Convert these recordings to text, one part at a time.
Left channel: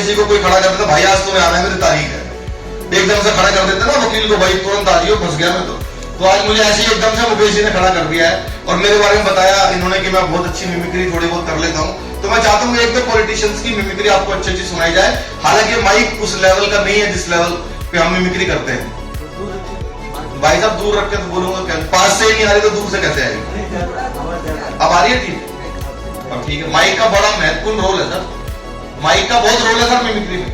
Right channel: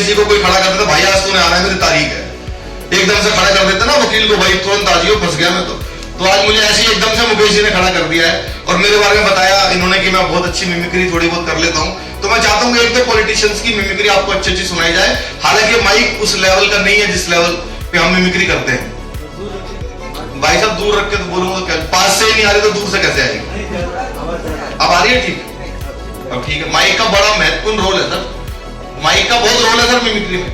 मुकेश जी को कोई खड़ा कर देता, भाई आज तूने आना है, मेरी तारीख है, एकदम से खड़ा कर देते ना वकील को, भाई तुरंत आ जाइयो, फंस गया मैं तो आज मुझे ऐसे ही एकदम से मुकेश जी ने खड़ा कर दिया है और मेरे बारे में बताया इन्होंने कि मैं बहुत अच्छी मिमिक्री थोड़ी बहुत कर लेता हूं। तो मैं चाहता हूं कि एक तो पॉलिटिशियंस की मिमिक्री आपको अच्छी अच्छी सुनाई जाए, हालांकि माइक उस लेवल का नहीं है जिस लेवल पे हम मिमिक्री करते हैं। भाई साहब दूर रख के तो बोलूंगा क्या, पास से ही नहीं आ रही तो दूर से कैसे आएगी? अब आ रही है ठीक? अब ठीक है। माइक का बड़ा महत्वपूर्ण रोल है सर, माइक का बहुत रोल है सर मिमिक्री में।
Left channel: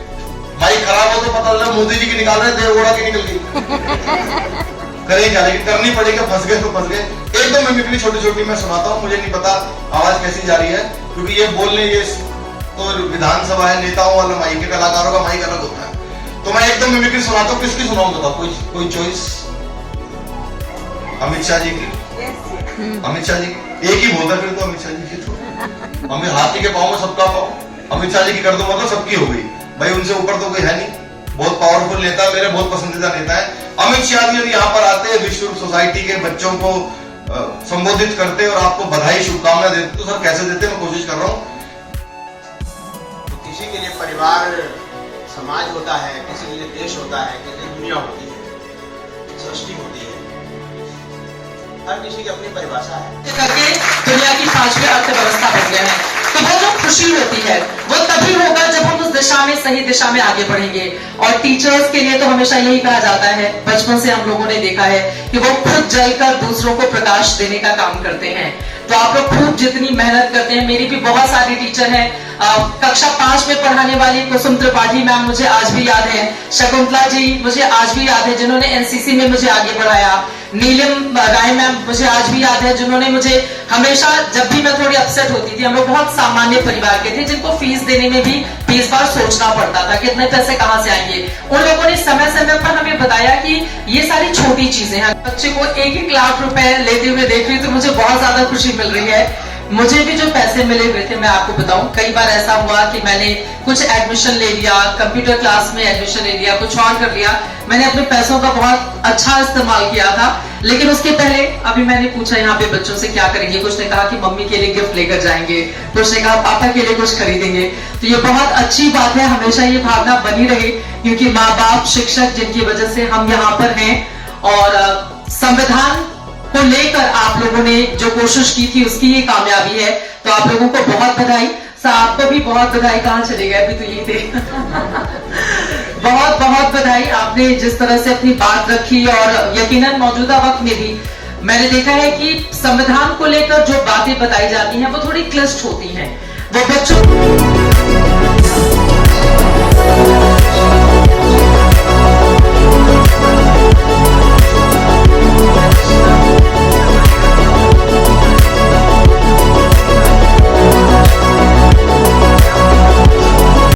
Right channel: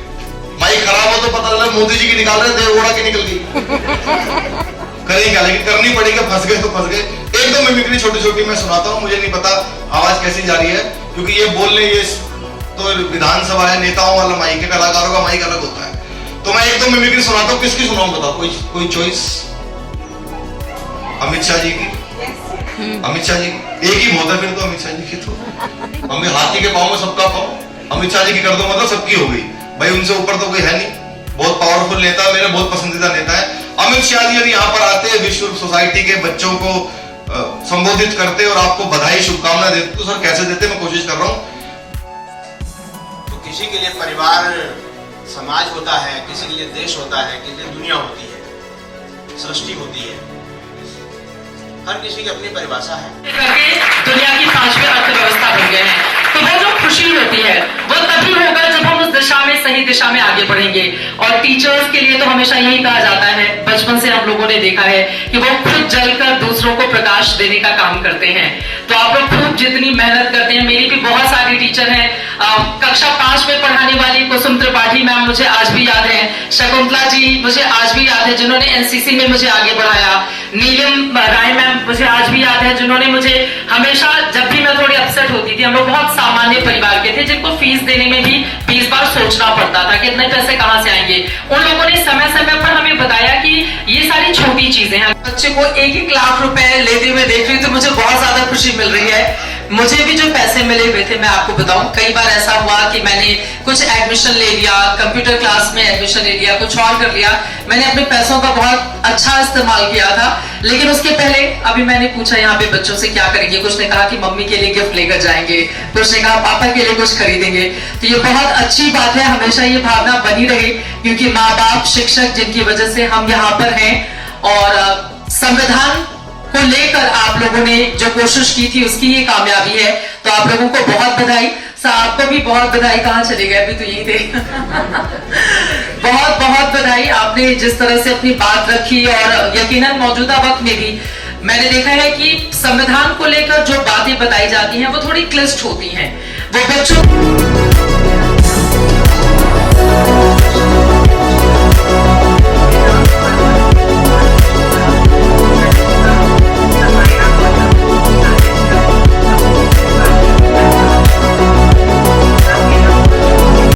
माइक खराब हो तो पता चला मोदी जी की निकाल रहे, देवगौड़ा की निकल गई। करें क्या, लेकिन करनी पड़ेगी, फंस गए तो फंस गए। एक दो मिमिक्री छोटी छोटी मैं सुनाता हूँ, मुझे नहीं पता आवाज कैसी जा रही है, क्योंकि ये बोलने ये तो विधानसभा है, नेताओं वाला माइक है, कलाकारों का माइक अलग होता है। तो मैं एक दो मिमिक्री सुनाता हूँ, किसकी सुनाऊं बताओ, कोई चॉइस? अमित शाह जी की? अमित शाह जी एक ही बहुत है फिर तो, अमित शाह जी की तो हमें हाथी के पाँव में सबका पाँव, अमित शाह जी की कर दो मतलब सबकी हो गई भाई, उनसे ऊपर तो कोई है नहीं। बहुत पावरफुल नेता, मेरे बहुत पसंदीदा नेता है अमित शाह जी। यदि यहाँ पर आते हैं, विश्व सोसाइटी के बच्चों को संबोधित करते और आपको बधाई शुभकामना देते, तो सर कैसे देते मैं कोशिश कर रहा हूँ। तो किसी के लिए परिवार समाज होता है, किसी के लिए देश होता है, किसी के लिए दुनिया होती है, सृष्टि होती है, हर किसी की अपनी परिभाषा है। करके दुनिया की 5वीं अर्थव्यवस्था बन गए हैं, तो वो जो खुशी होती है वो तभी होगा जब हम उस दिशा में, सही दिशा में आगे बढ़ेंगे। और टीचर्स के लिए तो हमेशा यही कहा जाता है, बचपन से हम लोगों ने देखा है कि वो खुद जलकर दूसरों को प्रकाश देने का काम करते हैं। तो आप लोग खूब जितनी मेहनत करते हैं, मेरी भी बहुत सारी टीचर हैं, कक्षा 5 में पढ़ाने वाली कुसुम त्रिपाठी मैम मुझे आज भी याद है, शकुंतला जी मुझे आज भी याद है जिन्होंने एनसीसी में मुझे आगे बढ़ाया, नीलम राय मैम मुझे आज भी याद है जिन्होंने मुझे हमेशा, जब भी मैं थोड़ी अपसेट होती थी, हम लोग बहुत सामान्य परिवार के थे जिनको फीस देने में भी 20 बार सोचना पड़ता था कि इतने पैसे कहां से आएंगे, उन लोगों ने समय समय पर हमें बताया कि ये सारी छोटी चीजें हैं। बच्चे को 1-1 लाख रुपए लेते हुए देख रही हूँ तो मुझे बहुत ज्यादा खुशी मिल रही है। मुझे भी जो पैसे मिले हुए थे मैं आपको बताऊं, कई बार ऐसा हुआ कि मैंने कुछ एडमिशन ले लिया, कंप्यूटर क्लास में एडमिशन ले लिया, कुछ और कर लिया, मैंने अपने पैसों का बहुत अच्छा इस्तेमाल किया था। लेकिन उसके पहले अभी मैंने पूछा यहाँ पे बच्चों से क्या करेंगे, कुछ ने कहा कि मम्मी के लिए गिफ्ट लेकर जाएंगे, कुछ ने कहा पापा के लिए कुछ खरीदेंगे। तो ये बहुत अच्छी बात है, हमेशा ये भावना बनी रहे, क्योंकि माँ बाप, शिक्षक जिनकी वजह से हम यहाँ पर हैं, और संविधान को लेकर आप लोगों ने जो कोशिश की थी उसकी ये कामयाबी है। तो आप लोगों को बहुत बधाई, आपको भी बहुत बधाई। कहाँ चले गए, अभी तो यही थे। बहुत बहुत बधाई, आपने जिस तरह से अपनी बात रखी, और यकीनन मौजूदा वक्त में भी मैंने देखा है कि संविधान को लेकर जो बातें बताई जाती हैं वो थोड़ी क्लिष्ट होती हैं, वो बच्चों